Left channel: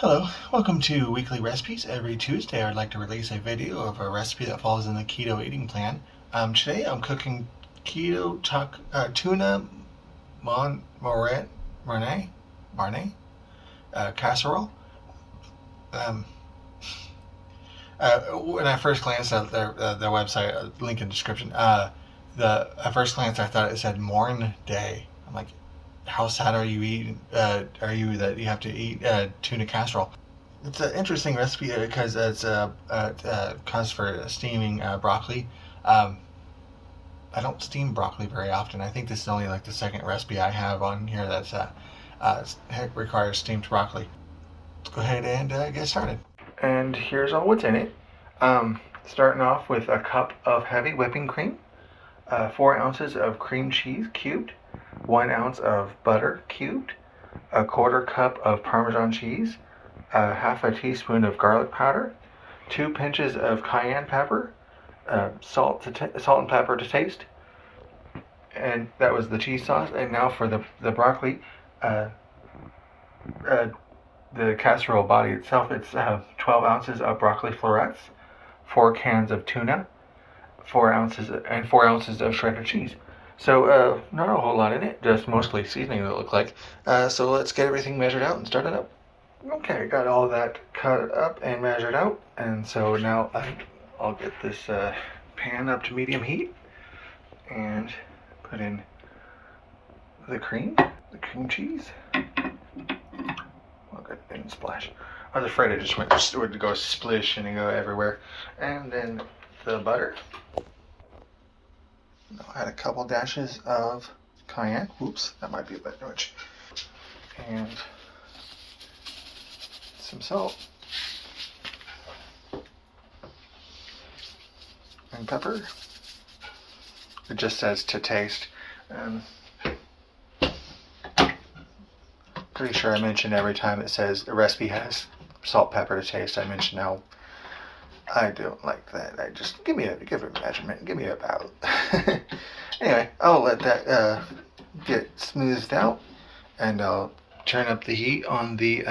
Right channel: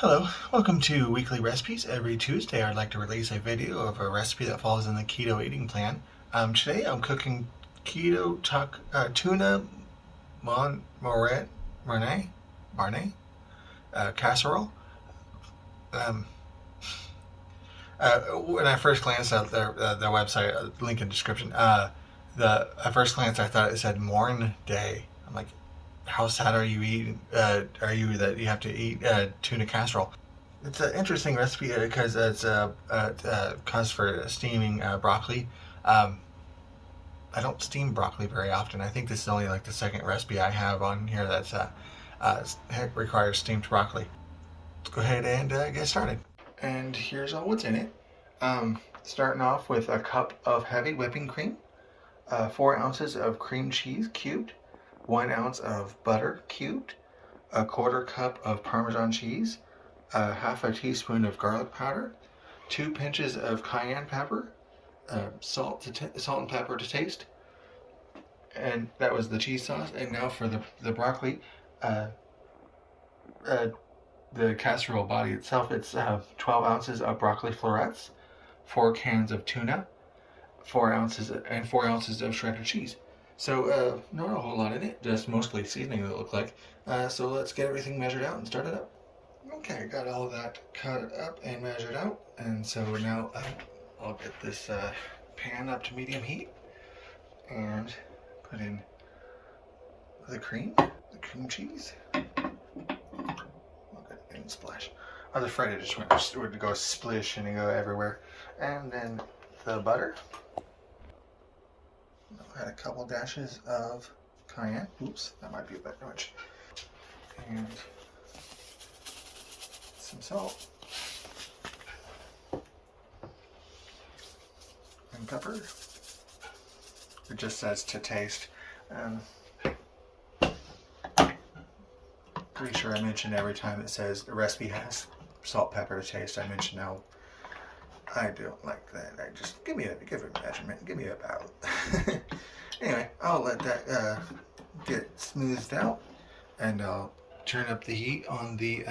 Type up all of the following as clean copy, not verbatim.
Hello, welcome to Weekly Recipes. Every Tuesday I'd like to release a video of a recipe that falls in the keto eating plan. Today I'm cooking tuna Mornay casserole. Um, when I first glanced at their website, link in description, at first glance I thought it said Morn Day. I'm like, how sad are you eating? Are you that you have to eat tuna casserole? It's an interesting recipe because it's calls for steaming broccoli. Um, I don't steam broccoli very often. I think this is only like the second recipe I have on here that's uh, requires steamed broccoli. Let's go ahead and get started. And here's all what's in it. Starting off with a cup of heavy whipping cream, 4 ounces of cream cheese cubed, 1 ounce of butter cubed, a quarter cup of Parmesan cheese, half a teaspoon of garlic powder, 2 pinches of cayenne pepper, salt and pepper to taste, and that was the cheese sauce. And now for the broccoli, uh, uh, the casserole body itself. It's 12 ounces of broccoli florets, 4 cans of tuna, 4 ounces of shredded cheese. So not a whole lot in it, just mostly seasoning it looked like. So let's get everything measured out and start it up. Okay, got all that cut up and measured out, and so now I'll get this pan up to medium heat and put in the cream cheese. Well, good, it didn't splash. I was afraid it just would go splish and go everywhere. And then the butter. I had a couple dashes of cayenne. Oops, that might be a bit much. And some salt and pepper. It just says to taste. Pretty sure I mentioned every time it says the recipe has salt, pepper to taste. I mention how I don't like that. I just give it a measurement. Give me about. Anyway, I'll let that get smoothed out, and I'll turn up the heat on the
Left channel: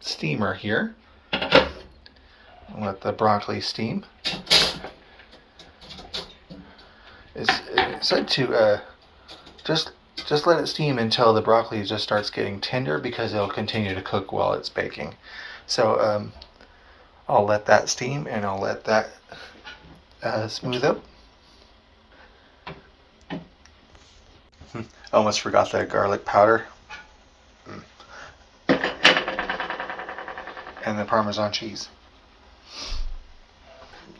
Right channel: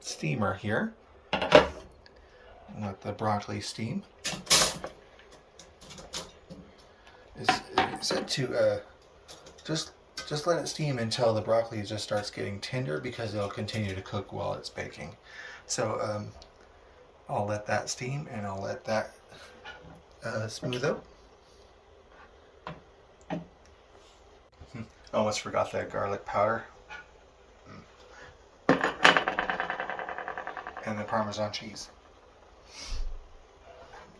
steamer here. I'll let the broccoli steam. It's said to just let it steam until the broccoli just starts getting tender, because it'll continue to cook while it's baking. So I'll let that steam, and I'll let that smooth up. Almost forgot the garlic powder. And the Parmesan cheese.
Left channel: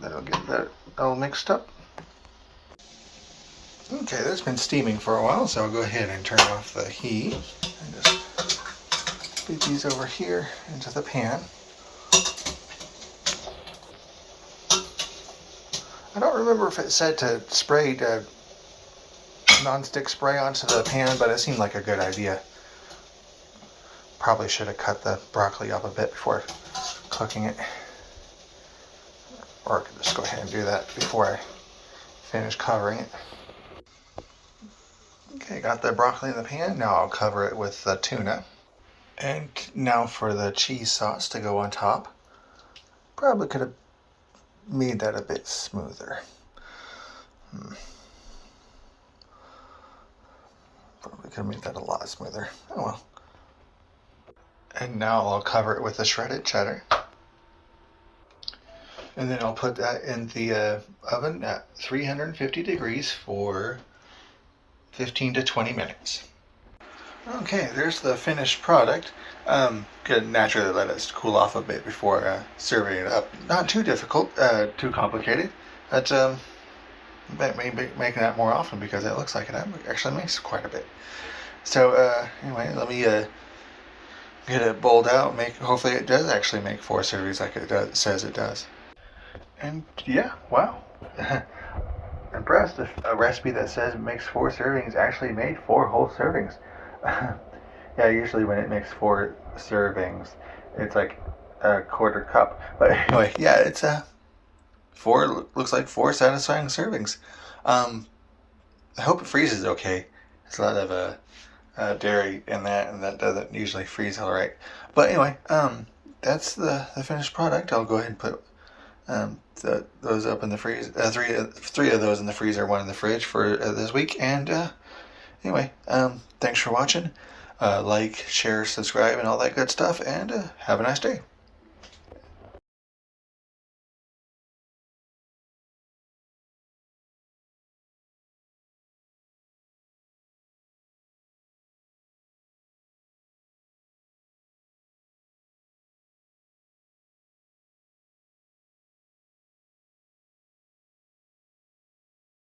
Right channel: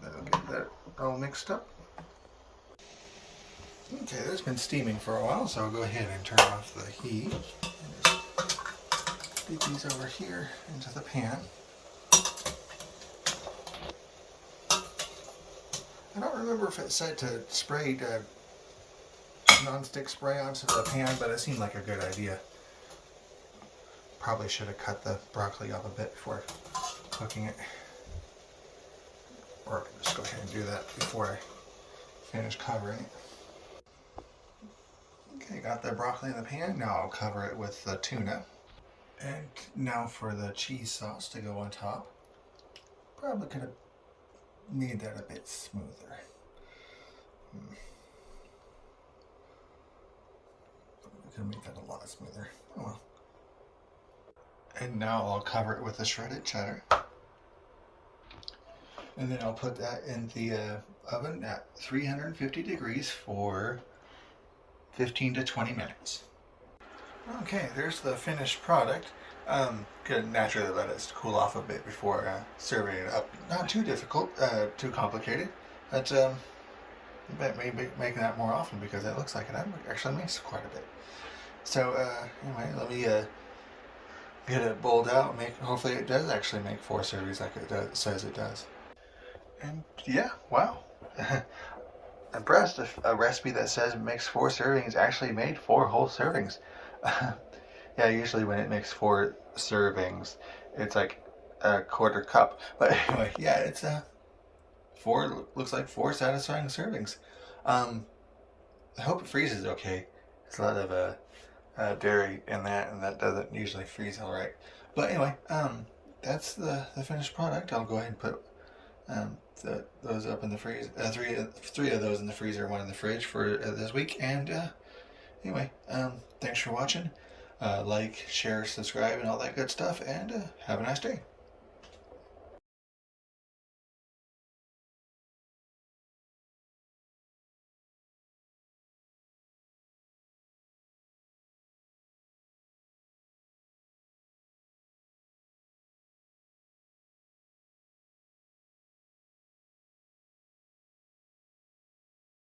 That'll get that all mixed up. Okay, that's been steaming for a while, so I'll go ahead and turn off the heat and just feed these over here into the pan. I don't remember if it said to spray non-stick spray onto the pan, but it seemed like a good idea. Probably should have cut the broccoli up a bit before cooking it. Or I could just go ahead and do that before I finish covering it. Okay, got the broccoli in the pan. Now I'll cover it with the tuna. And now for the cheese sauce to go on top. Probably could have made that a bit smoother. Probably could have made that a lot smoother. Oh well. And now I'll cover it with the shredded cheddar. And then I'll put that in the oven at 350 degrees for 15 to 20 minutes. Okay, there's the finished product. Could naturally let it cool off a bit before serving it up. Not too difficult, too complicated. But maybe making that more often, because it looks like it actually makes quite a bit. So anyway, let me get it bowled out. Hopefully it does actually make 4 servings like it says it does. And yeah, wow. Impressed. A recipe that says it makes 4 servings actually made 4 whole servings. Yeah, usually when it makes 4 servings, it's like a quarter cup. But anyway, yeah, it's looks like 4 satisfying servings. I hope it freezes okay. It's a lot of dairy in that, and that doesn't usually freeze all right. But anyway, that's the finished product. I'll go ahead and put those up in the freezer. Three of those in the freezer, one in the fridge for this week. And anyway, thanks for watching. Like, share, subscribe, and all that good stuff. And have a nice day.